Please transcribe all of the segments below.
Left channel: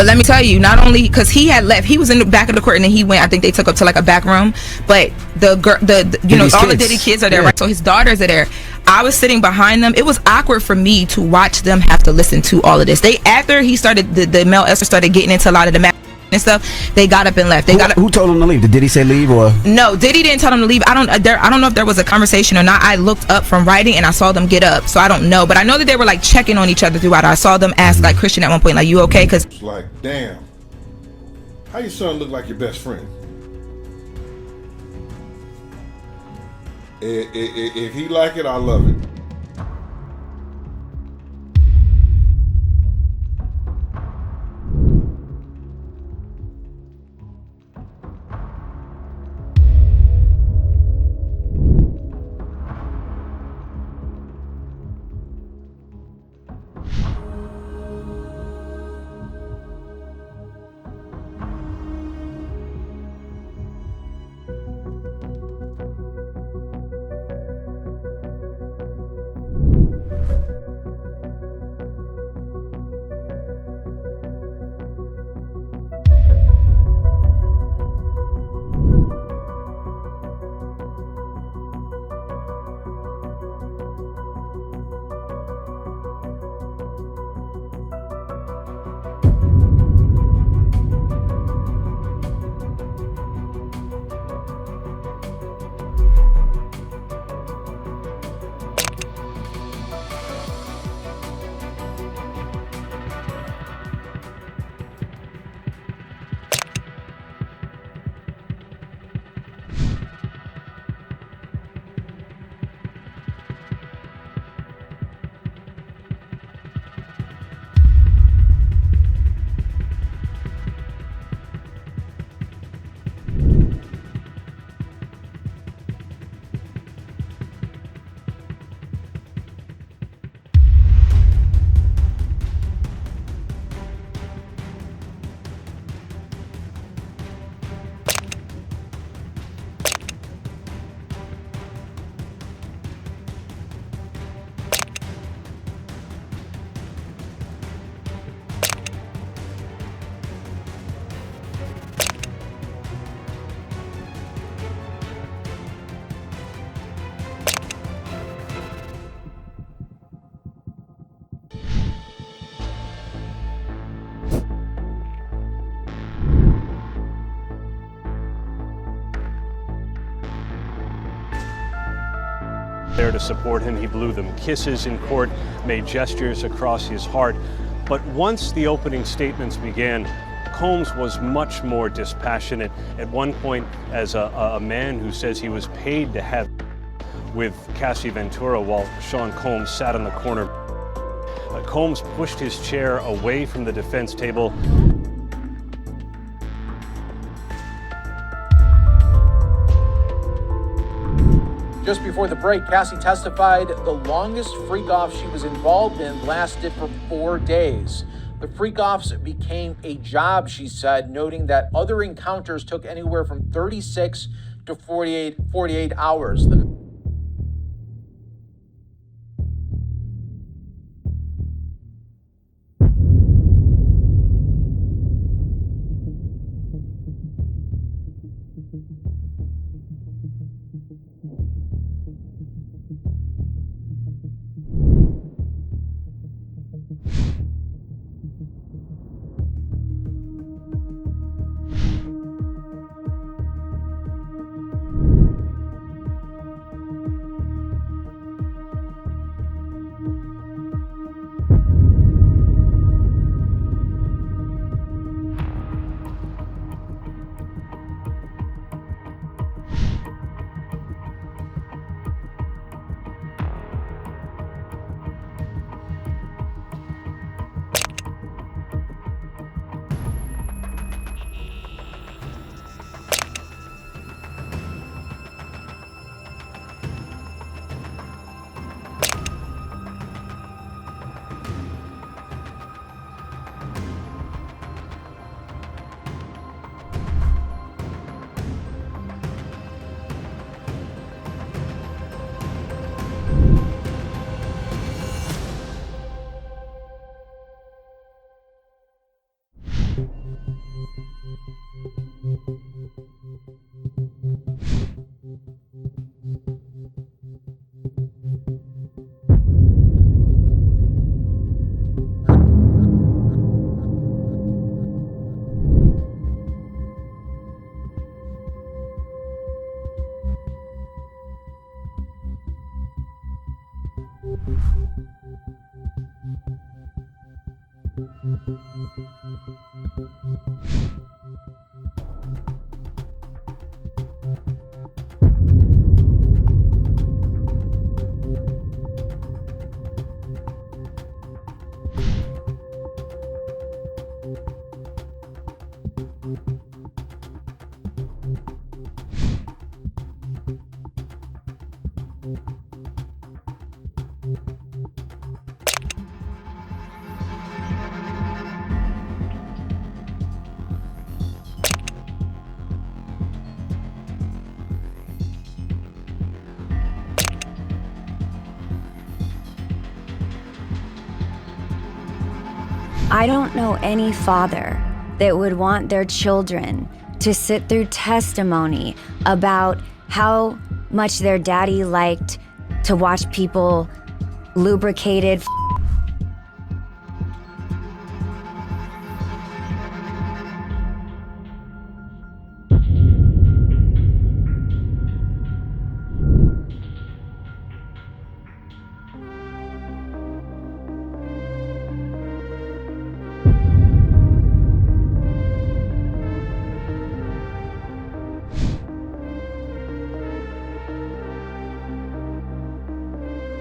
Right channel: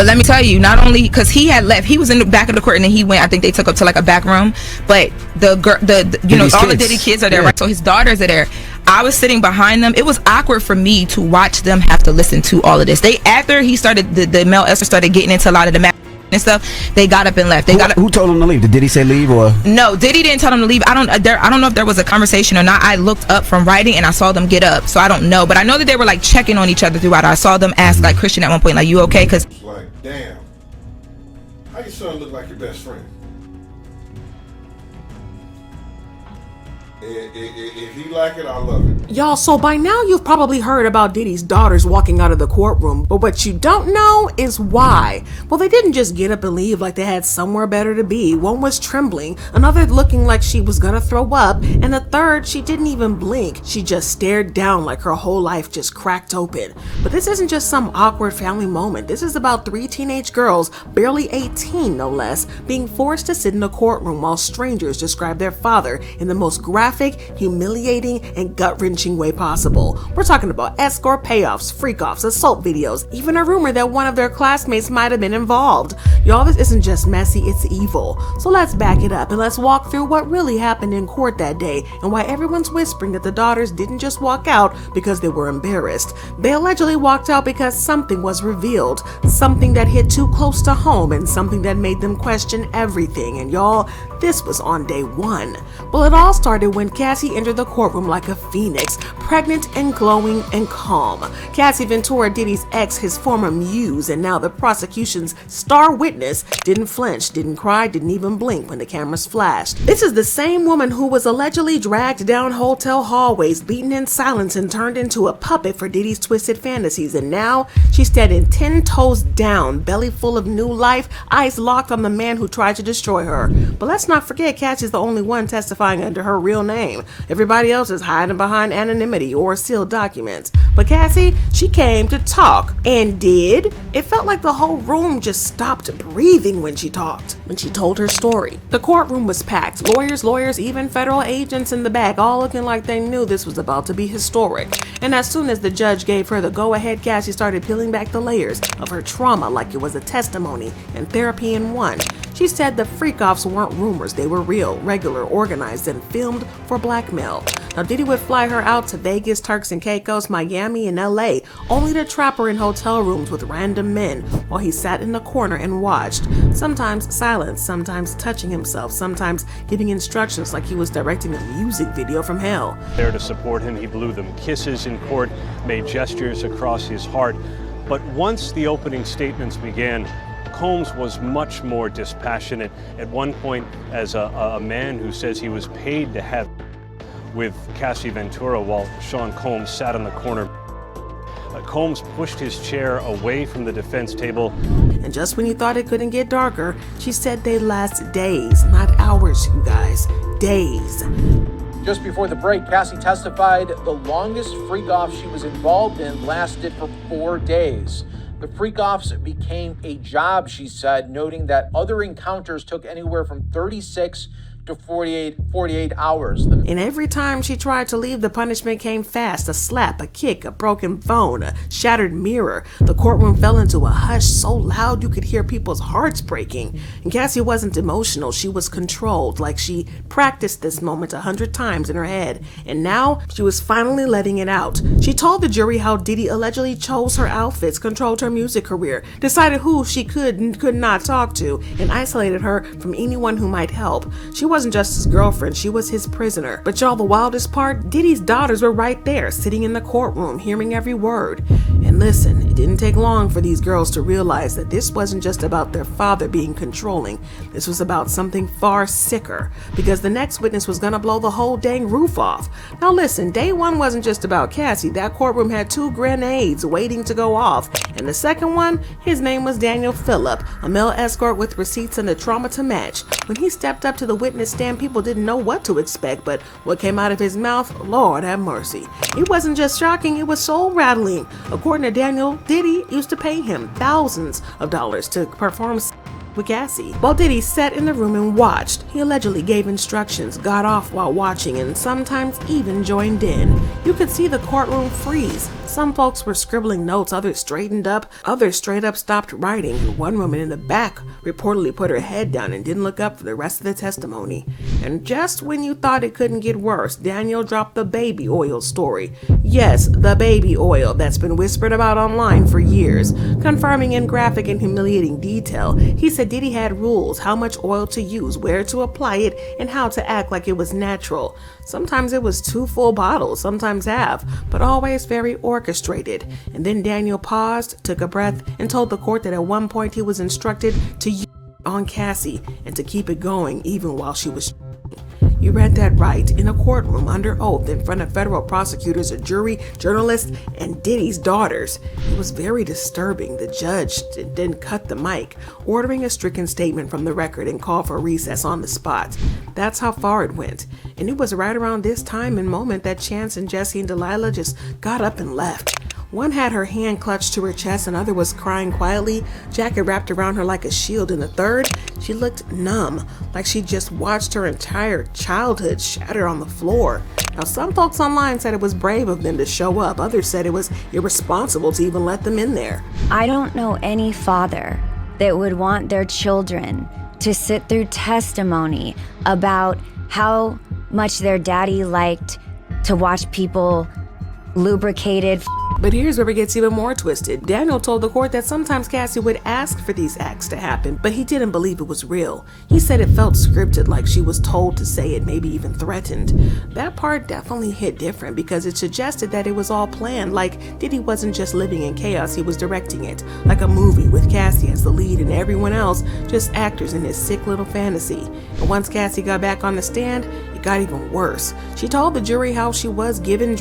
But let me tell you, not only because he had left, he was in the back of the court, and then he went. I think they took up to like a back room. But the girl, you know, all the Diddy kids are there, right? So his daughters are there. I was sitting behind them. It was awkward for me to watch them have to listen to all of this. They, after he started, the male escort started getting into a lot of the and stuff, they got up and left. Who told him to leave? Did Diddy say leave or? No, Diddy didn't tell them to leave. I don't know if there was a conversation or not. I looked up from writing and I saw them get up, so I don't know. But I know that they were like checking on each other throughout. I saw them ask like Christian at one point, like, "You okay?" Because like, damn, how your son look like your best friend? If he like it, I love it. Y'all, so by now you've probably heard about Diddy's daughters walking out of the courtroom, but what you don't know is why. Well, they didn't just get up and leave like they had somewhere better to be. One was trembling, another looking like she was gonna throw up, and the third, she didn't even blink. She just stared down like her whole life just cracked open. But this isn't just some awkward family moment. This is about 3 teenage girls, barely 18 no less, being forced to sit in a courtroom while strangers describe their father in the most graphic, humiliating, and gut-wrenching way possible. We're talking about escort, payoffs, freak-offs, assault videos, even a rumor that one of their classmates might have been involved. Y'all, this isn't just messy, it's evil. So let's back it up and let's walk through what really happened in court that day and why everyone's whispering that the daughters didn't just walk out because they were embarrassed. They allegedly walked out because something was revealed, something that hit too close to home and something that made them question everything. And y'all, this was on day 1. Well, it all started when Cassie entered the courtroom like a phoenix, pregnant and glowing and calm. Cassie Ventura, Diddy's ex, his former muse, and now the prosecution's star witness, didn't flinch, didn't cry, didn't even blink when the cameras flashed. This is the same woman who was allegedly dragged down hotel hallways, beaten in silence, and turned into a puppet for Diddy's twisted fantasies. And now she's standing 10 toes down, belly full of new life, eyes locked on the man who tried to destroy her. But let's not forget, Cassie's the only one testifying under her real name. Everybody else is hiding behind anonymity or sealed documents. But Cassie, she came to talk, and did. It felt like the whole room just stopped breathing when she talked, when she told her story. The courtroom was packed. Lawyers, even federal agents in the back, all looking like they knew this was about to be historic. And as soon as the judge gave her the go-ahead, Cassie started peeling back the layers of her trauma like it was a testimony and therapy in one. She said the freak-offs weren't rumors, they were real, regular, organized, and filmed for blackmail. Now, Diddy would fly her out to Vegas, Turks and Caicos, Miami, and LA, only to trap her in hotel rooms with random men while he sat in the corner and watched, sometimes silent, sometimes touching himself, sometimes giving instructions like he was directing a music video from hell. There to support him, he blew them kisses in court, made gestures across his heart. But once the opening statements began, Combs was much more dispassionate. At one point, as a man who says he was paid to have with Cassie Ventura while Sean Combs sat in the corner. Combs pushed his chair away from the defense table. And just when you thought it couldn't get darker, she said they'd last days, not hours, you guys. Days. Just before the break, Cassie testified the longest freak-off she was involved in lasted for 4 days. The freak-offs became a job, she said, noting that other encounters took anywhere from 36 to 48 hours. And every time she tried to leave, the punishment came fast. A slap, a kick, a broken phone, a shattered mirror. The courtroom fell into a hush so loud you could hear people's hearts breaking. And Cassie wasn't emotional. She was controlled, like she practiced this moment 100 times in her head. And now she was finally letting it out. She told the jury how Diddy allegedly chose her outfits, controlled her music career, decided who she could and could not talk to, and isolated her from anyone who might help. She wasn't just his girlfriend, she was his prisoner. But y'all, the wildest part, Diddy's daughters were right there, sitting in the courtroom, hearing every word. And listen, it didn't take long for these girls to realize that this wasn't just about their father being controlling. This was about something far sicker, because the next witness was gonna blow the whole dang roof off. Now listen, day 1 wasn't just about Cassie. That courtroom had 2 grenades waiting to go off. And the second one, his name was Daniel Phillip, a male escort with receipts and the trauma to match. When he stepped up to the witness stand, people didn't know what to expect, but what came out of his mouth, Lord have mercy. It wasn't just shocking, it was soul rattling. According to Daniel, Diddy used to pay him thousands of dollars to perform with Cassie. While Diddy sat in the room and watched, he allegedly gave instructions, got off while watching, and sometimes even joined in. You could see the courtroom freeze. Some folks were scribbling notes, others straightened up, others straight up stopped writing. One woman in the back reportedly put her head down and didn't look up for the rest of the testimony. And just when you thought it couldn't get worse, Daniel dropped the baby oil story. Yes, the baby oil that's been whispered about online for years, confirming in graphic and humiliating detail. He said Diddy had rules, how much oil to use, where to apply it, and how to act like it was natural. Sometimes it was 2 full bottles, sometimes half, but always very orchestrated. And then Daniel paused, took a breath, and told the court that at one point he was instructed to use on Cassie and to keep it going even while she was. You read that right, in a courtroom under oath in front of federal prosecutors, a jury, journalists, and Diddy's daughters. It was very disturbing. The judge then cut the mic, ordering a stricken statement from the record and called for recess on the spot. That's how far it went. And it was right around this time and moment that Chance and Jesse and Delilah just got up and left. One had her hand clutched to her chest, another was crying quietly, jacket wrapped around her like a shield, and the third, she looked numb, like she just watched her entire childhood shatter on the floor. Now, some folks online said it was brave of them to show up. Others said it was irresponsible to even let them in there. I don't know any father that would want their children to sit through testimony about how much their daddy liked to watch people lubricated. But here's where it gets even more twisted. Daniel told the court that sometimes Cassie would ask for these acts to happen, but he didn't believe it was real. He said it felt scripted, like she was told to say it, maybe even threatened. That part definitely hit different because it suggested that it was all planned, like Diddy wasn't just living in chaos, he was directing it, like a movie with Cassie as the lead and everyone else just actors in this sick little fantasy. And once Cassie got back on the stand, it got even worse. She told the jury how she was given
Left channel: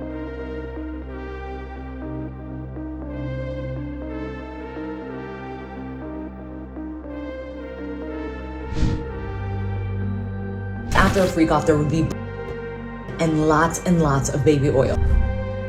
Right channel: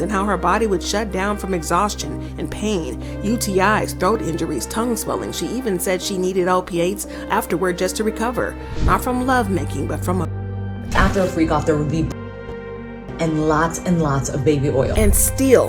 and how her body would shut down from exhaustion and pain, UTIs, throat injuries, tongue swelling. She even said she needed opiates afterward just to recover. Not from lovemaking, but from a... After a freak off, there would be and lots of baby oil. And still,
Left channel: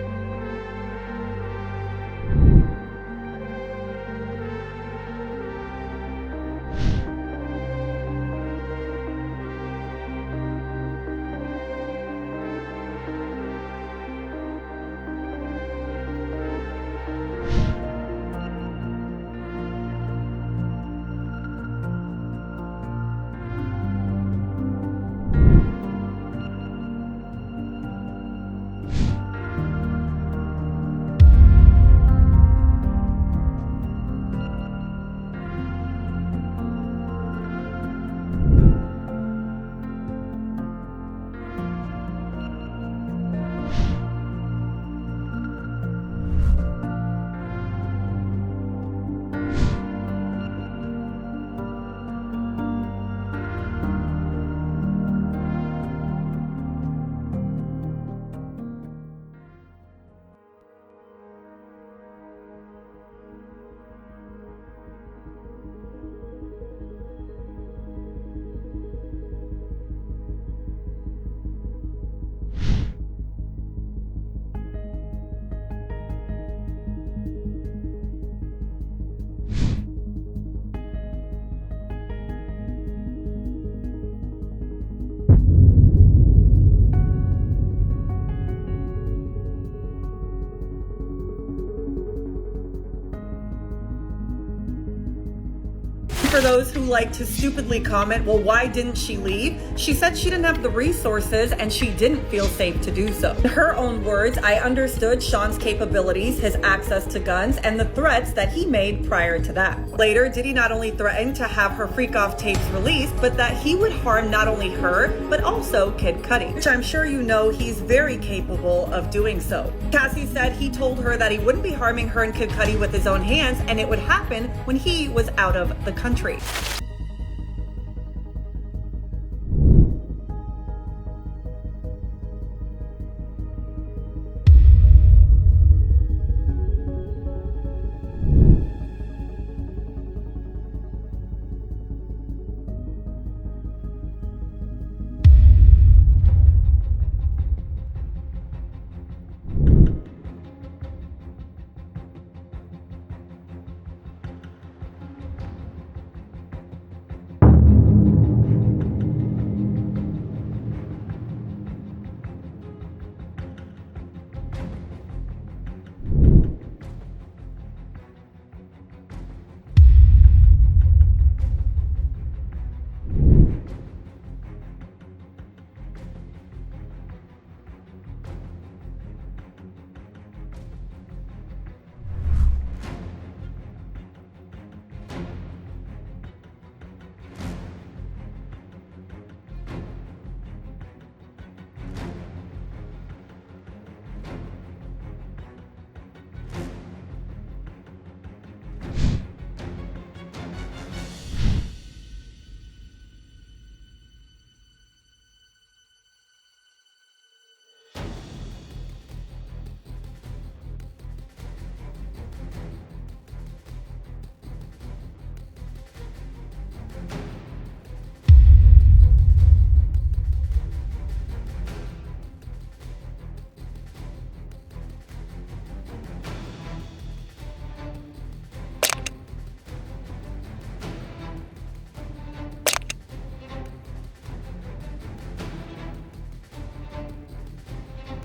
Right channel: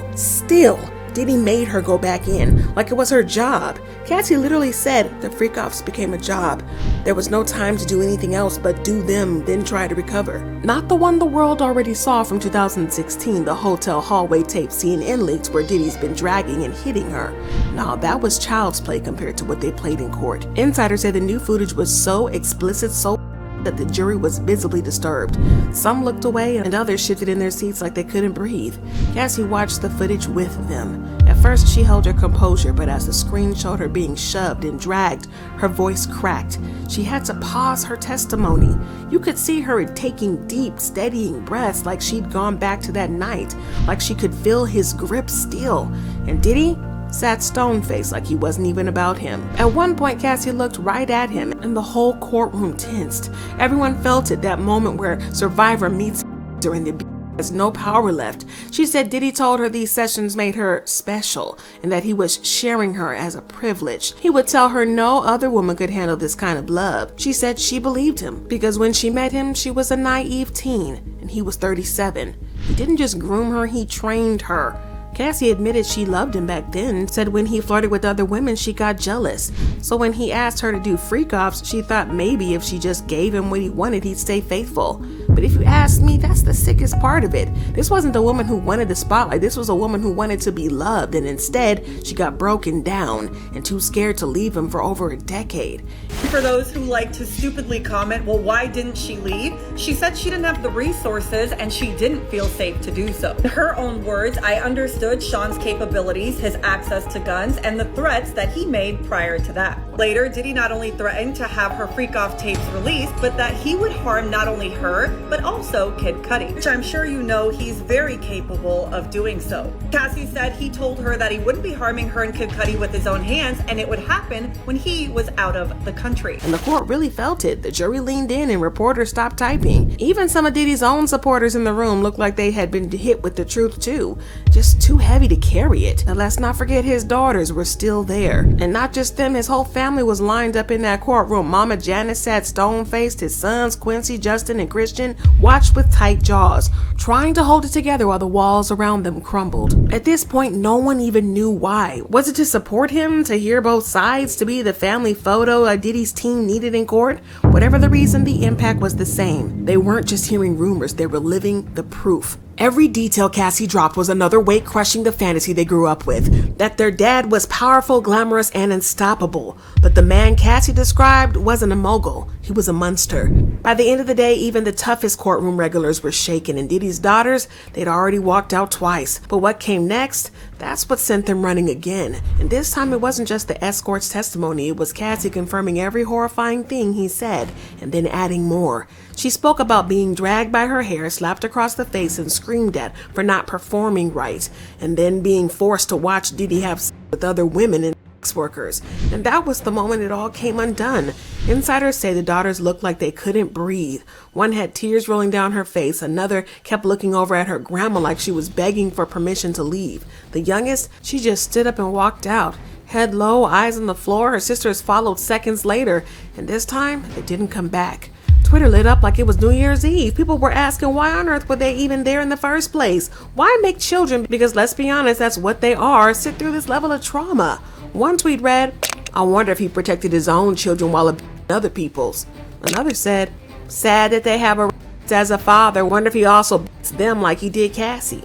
Diddy made her go back in, like it was her job. Cassie literally said the freak-offs became a job. There was no time to do anything else but do them, then try to recover. Not the one the world already saw from 2016, the hotel hallway tape CNN leaks where Diddy's been dragging and hitting her. Now, that was child's play compared to what they played in court. Insiders said the new footage was so explicit, so that the jury was visibly disturbed. Some looked away and others shifted in their seats like they couldn't breathe. Cassie watched the footage with them. At first, she held her composure, but as the screen showed her being shoved and dragged, her voice cracked. She had to pause her testimony. You could see her taking deep, steadying breaths like she'd gone back to that night, like she could feel his grip still. And Diddy sat stone-faced like he wasn't even about him. At one point, Cassie looked right at him and the whole courtroom tensed. Everyone felt it, that moment where Survivor meets during the there's no power left. She said Diddy told her these sessions made her special and that he was sharing her as a privilege. He would tell her no other woman could handle this kind of love. She said she believed him because when she met him, she was a naive teen and he was 37. He didn't just groom her, he trained her. Cassie admitted she loved him back then, said when he flirted with other women, she got jealous. So when he asked her to do freak-offs, she thought maybe if she just gave him what he wanted, he'd stay faithful. But if you ask me, that's the sickest part of it. This wasn't a woman who wanted the spotlight. This was a woman who wanted to be loved, and instead, she got broken down and too scared to leave him for over a decade. For those who like to stupidly comment, well, why didn't she leave? She said she didn't have the resources and she didn't feel safe to do so. In her own words, I understood Sean's capabilities, his access to guns, and the threats that he made prior to that. Later, Diddy not only threatened to have her freak-off tapes released, but that he would harm not only her, but also Kid Cudi, which I'm sure you know he's very capable of doing so. Cassie said he told her that he wouldn't be harming her and Kid Cudi with his own hands, and it would happen when he was out of the country. And the court really felt it. The jury leaned in and reporters stopped typing. Even some of Diddy's own supporters in the room looked like they had been hit with the truth too. Just too heavy to carry it. And let's not forget his daughters were still there. And not just them, his whole family was lined up in that courtroom. Mama Janice sat stone-faced, his sons, Quincy, Justin, and Christian, watched with tight jaws, trying to hold it together while the walls around them crumbled. At this point, no one even knew why. Was it to support him, to hear both sides, to be the family photo Diddy's team needed in court? Whatever the reason, the impact was the same. They weren't just hearing rumors, they were living the proof. Every detail Cassie dropped was another weight crushing the fantasy they grew up with, that their dad was powerful, glamorous, and unstoppable. But the man Cassie described wasn't a mogul, he was a monster. By the end of the day, even the toughest courtroom regulars were shaken, and Diddy's daughters, they'd already walked out twice. But what came next? That's what sent them running again. And this time it wasn't just the escort's testimony, it was Cassie confirming every horrifying thing he said, and then adding more. She spoke about being dragged by her hair, slapped across the face, and screamed at for not performing right, and then being forced to watch Diddy have sex with other women and sex workers. And that was the moment it all came undone. Insiders say the daughters looked like they couldn't breathe. One had tears rolling down her face, another kept looking over at her grandma like she was begging for permission to leave. The youngest, she just stood up and walked out. Head low, eyes on the floor, her sisters followed seconds later, and this time, it didn't come back. Twitter lit up like it was New Year's Eve. People were asking why on earth were they even there in the first place? Why make children, because let's be honest, that's what they are, sit through this level of trauma? One tweet read, I wonder if he protected his own children while abusing other people's. Another said, sad that they have a as a father, wonder if he also beats them like he did Cassie.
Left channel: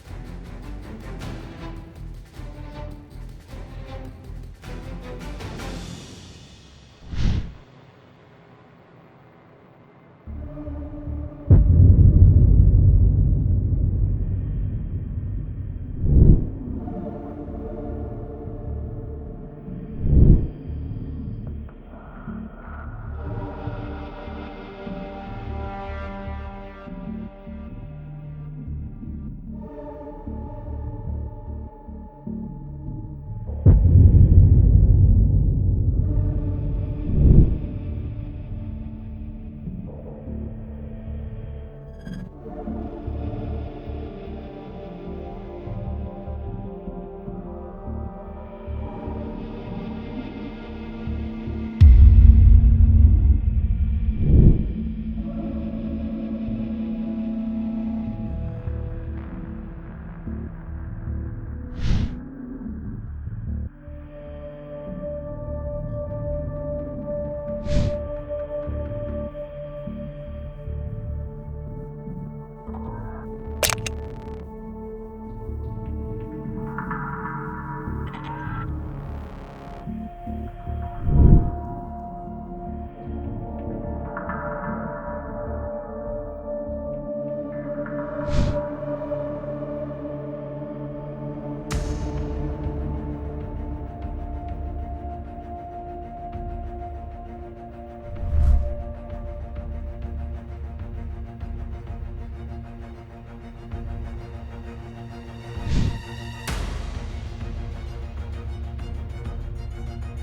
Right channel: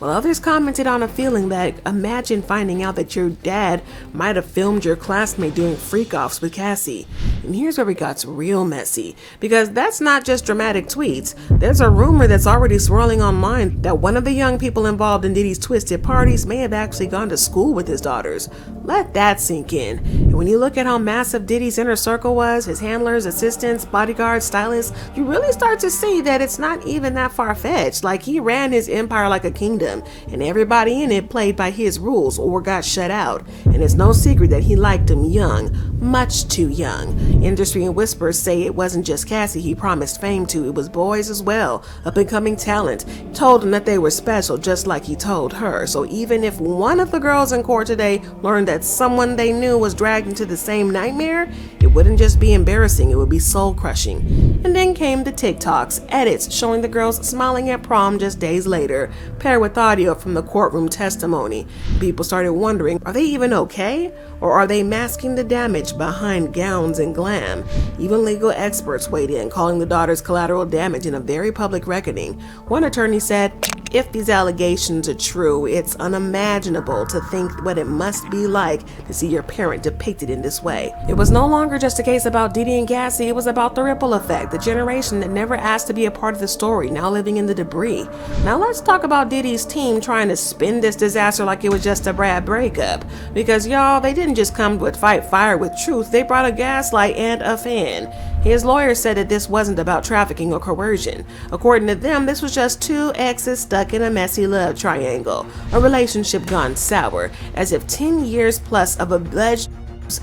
While others commented on a feeling that imagine finding out that your dad might have filmed your classmate doing freak-offs with Cassie. And here's where it got real messy, because that's not just dramatic tweets. There's a rumor that's already swirling online that one of the young people involved in Diddy's twisted parties may have actually gone to school with his daughters. Let that sink in. And when you look at how massive Diddy's inner circle was, his handlers, assistants, bodyguards, stylists, you really start to see that it's not even that far-fetched. Like, he ran his empire like a kingdom, and everybody in it played by his rules or got shut out. And it's no secret that he liked them young, much too young. Industry and whispers say it wasn't just Cassie he promised fame to, it was boys as well, up-and-coming talent. He told them that they were special just like he told her. So even if one of the girls in court today learned that someone they knew was dragged into the same nightmare, it wouldn't just be embarrassing, it would be soul-crushing. And then came the TikToks, edits showing the girls smiling at prom just days later, paired with audio from the courtroom testimony. People started wondering, are they even okay? Or are they masking the damage behind gowns and glam? Even legal experts weighed in, calling the daughters collateral damage in a very public reckoning. One attorney said, if these allegations are true, it's unimaginable to think what it must be like to see your parent depicted in this way. It was no longer just a case about Diddy and Cassie, it was about the ripple effect, the generation that never asked to be a part of the story, now living in the debris. Now let's talk about Diddy's team trying to spin this disaster like it was just a bad breakup. Because y'all, they didn't just come to fight fire with truth, they brought a gaslight and a fan. His lawyer said that this wasn't about trafficking or coercion. According to them, this was just two exes stuck in a messy love triangle, a relationship gone sour, as if 10 years plus of alleged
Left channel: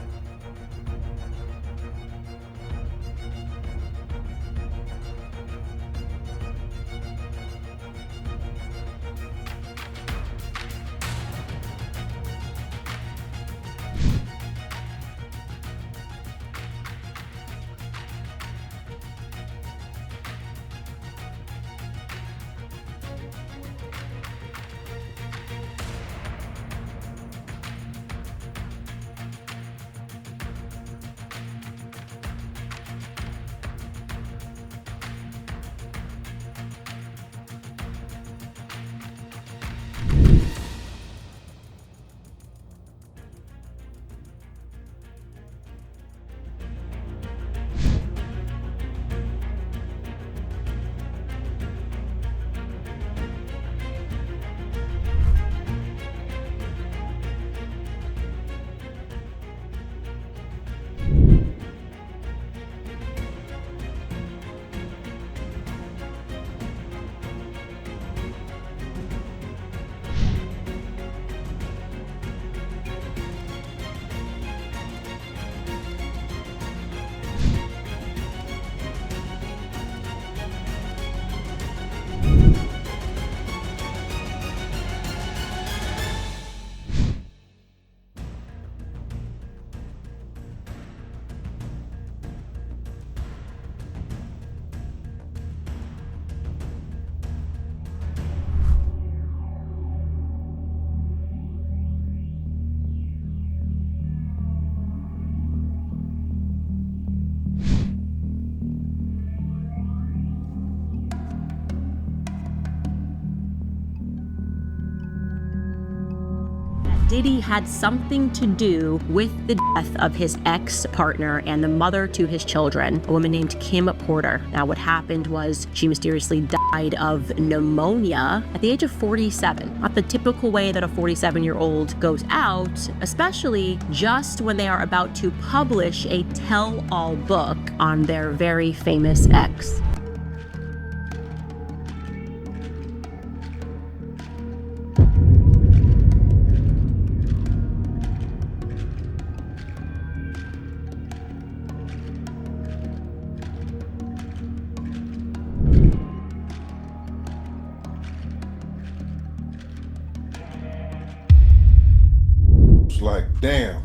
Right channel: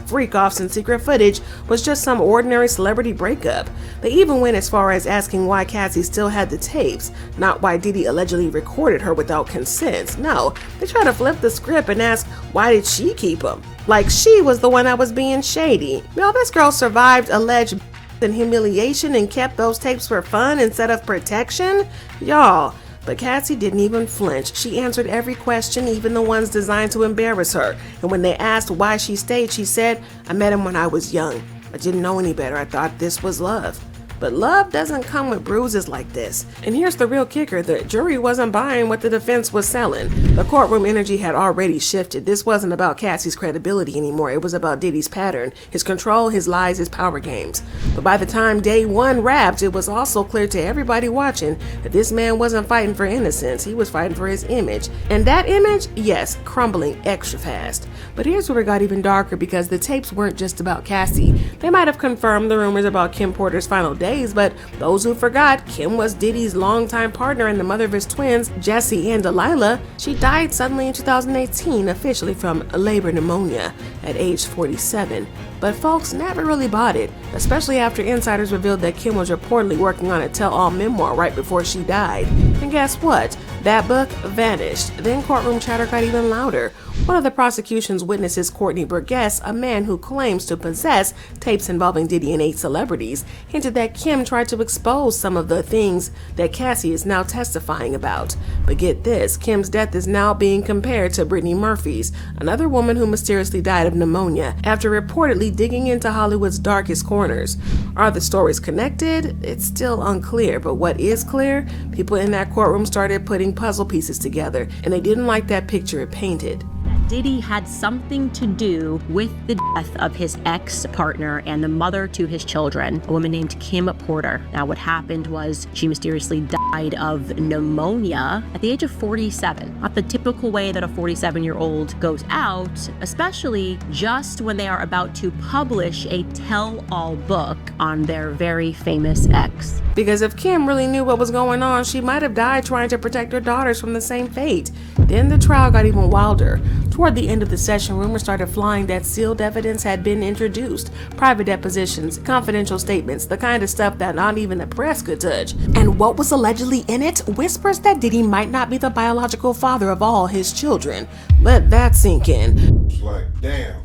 freak-offs and secret footage was just some ordinary celebrity breakup. They even went as far as asking why Cassie still had the tapes, not why Diddy allegedly recorded her without consent. No, they tried to flip the script and ask, why did she keep them? Like she was the one that was being shady. Now this girl survived alleged and humiliation and kept those tapes for fun instead of protection? Y'all. But Cassie didn't even flinch. She answered every question, even the ones designed to embarrass her. And when they asked why she stayed, she said, I met him when I was young. I didn't know any better. I thought this was love. But love doesn't come with bruises like this. And here's the real kicker, the jury wasn't buying what the defense was selling. The courtroom energy had already shifted. This wasn't about Cassie's credibility anymore. It was about Diddy's pattern, his control, his lies, his power games. But by the time day one wrapped, it was also clear to everybody watching that this man wasn't fighting for innocence. He was fighting for his image. And that image, yes, crumbling extra fast. But here's where it got even darker, because the tapes weren't just about Cassie. They might have confirmed the rumors about Kim Porter's final days, but those who forgot, Kim was Diddy's longtime partner and the mother of his twins, Jesse and Delilah. She died suddenly in 2018, officially from labor pneumonia at age 47. But folks never really bought it, especially after insiders revealed that Kim was reportedly working on a tell-all memoir right before she died. And guess what? That book vanished. Then courtroom chatter got even louder. One of the prosecution's witnesses, Courtney Burgess, a man who claims to possess tapes involving Diddy and 8 celebrities, hinted that Kim tried to expose some of the things that Cassie is now testifying about. But get this, Kim's death is now being compared to Brittany Murphy's, another woman who mysteriously died of pneumonia after reportedly digging into Hollywood's darkest corners. Are the stories connected? It's still unclear, but what is clear? People in that courtroom started putting puzzle pieces together, and they didn't like that picture it painted. Diddy had something to do with the death of his ex-partner and the mother to his children, a woman named Kim Porter. Now, what happened was she mysteriously died of pneumonia at the age of 47. Not the typical way that a 47-year-old goes out, especially just when they are about to publish a tell-all book on their very famous ex. Because if Kim really knew what was going on, she might have died trying to protect her daughters from the same fate. Then the trial got even wilder. Toward the end of the session, rumors started flying that sealed evidence had been introduced. Private depositions, confidential statements, the kind of stuff that not even the press could touch. And what was allegedly in it? Whispers that Diddy might not be the biological father of all his children. Let that sink in. It's like, damn,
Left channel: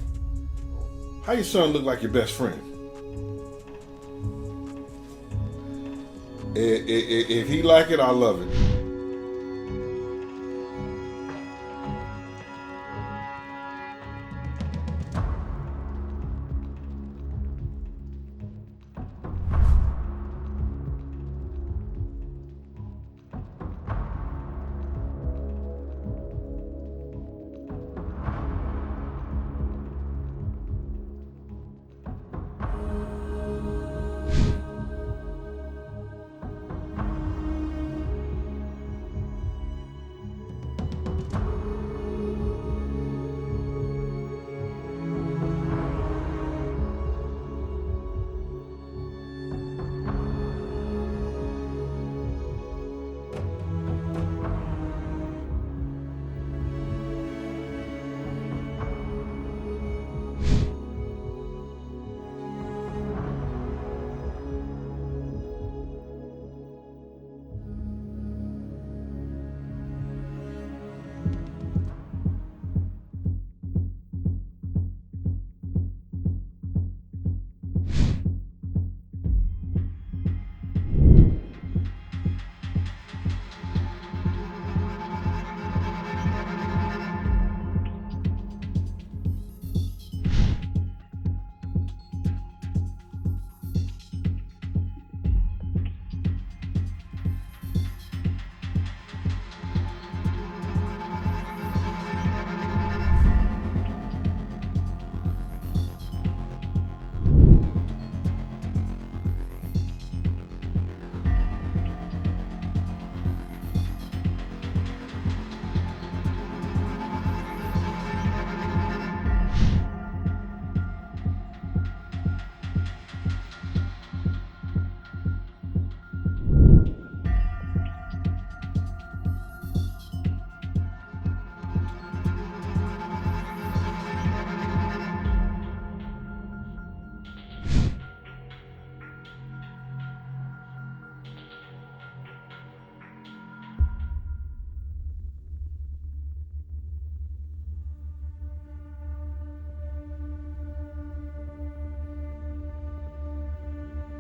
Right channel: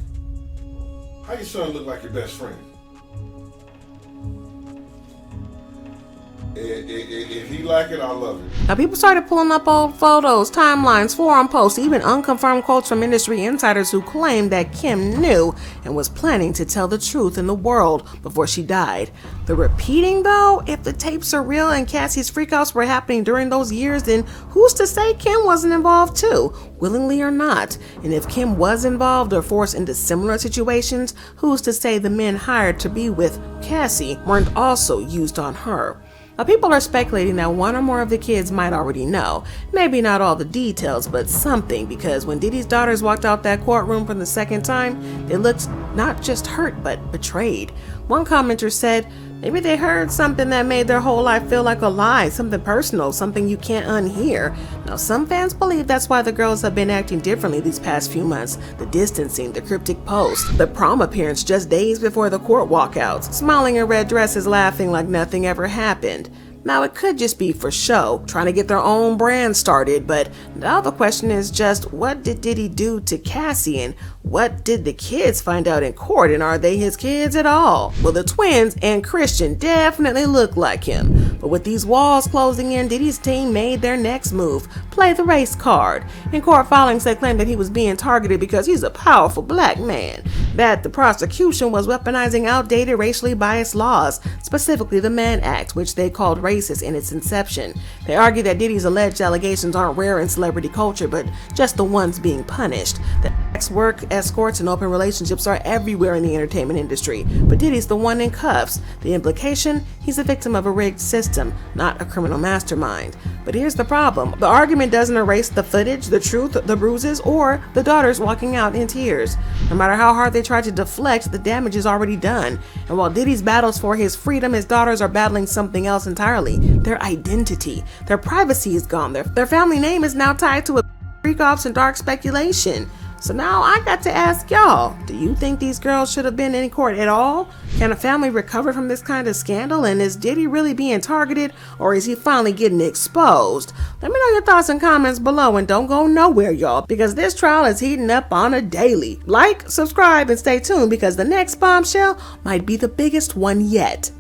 how your son look like your best friend? If he like it, I love it. Now, people started pulling up old photos, timelines, forum posts, even unconfirmed quotes from industry insiders who claimed that Kim knew and was planning to tell the truth in the world before she died. The repeating, though, if the tapes are real and Cassie's freakouts were happening during those years, then who's to say Kim wasn't involved too, willingly or not? And if Kim was involved or forced into similar situations, who's to say the men hired to be with Cassie weren't also used on her? Now, people are speculating that one or more of the kids might already know. Maybe not all the details, but something, because when Diddy's daughters walked out that courtroom for the second time, they looked not just hurt, but betrayed. One commenter said, maybe they heard something that made their whole life feel like a lie, something personal, something you can't unhear. Now, some fans believe that's why the girls have been acting differently these past few months. The distancing, the cryptic posts, the prom appearance just days before the court walkouts, smiling in red dresses, laughing like nothing ever happened. Now, it could just be for show, trying to get their own brand started, but now the question is just, what did Diddy do to Cassie, and what did the kids find out in court, and are they his kids at all? Well, the twins and Christian definitely look like him, but with these walls closing in, Diddy's team made their next move, play the race card. In court filings, they claimed that he was being targeted because he's a powerful black man, that the prosecution was weaponizing outdated racially biased laws, specifically the Mann Act, which they called racist in its inception. They argue that Diddy's alleged allegations aren't rare in celebrity culture, but just the ones being punished. That sex work, escorts, and open relationships are everywhere in the entertainment industry, but Diddy's the one in cuffs. The implication? He's a victim of a rigged system, not a criminal mastermind. But here's the problem. The argument doesn't erase the footage, the truth, the bruises, or the daughters walking out in tears. No matter how hard they try to deflect, the damage is already done. And while Diddy's battles for his freedom, his daughters are battling something else entirely. Their identity. Their privacy is gone. Their family name is now tied to freak-offs and dark speculation. So now I got to ask y'all, do you think these girls should have been in court at all? Can a family recover from this kind of scandal? And is Diddy really being targeted, or is he finally getting exposed? Let me know your thoughts and comments below, and don't go nowhere, y'all, because this trial is heating up on a daily. Like, subscribe, and stay tuned, because the next bombshell might be the biggest one yet.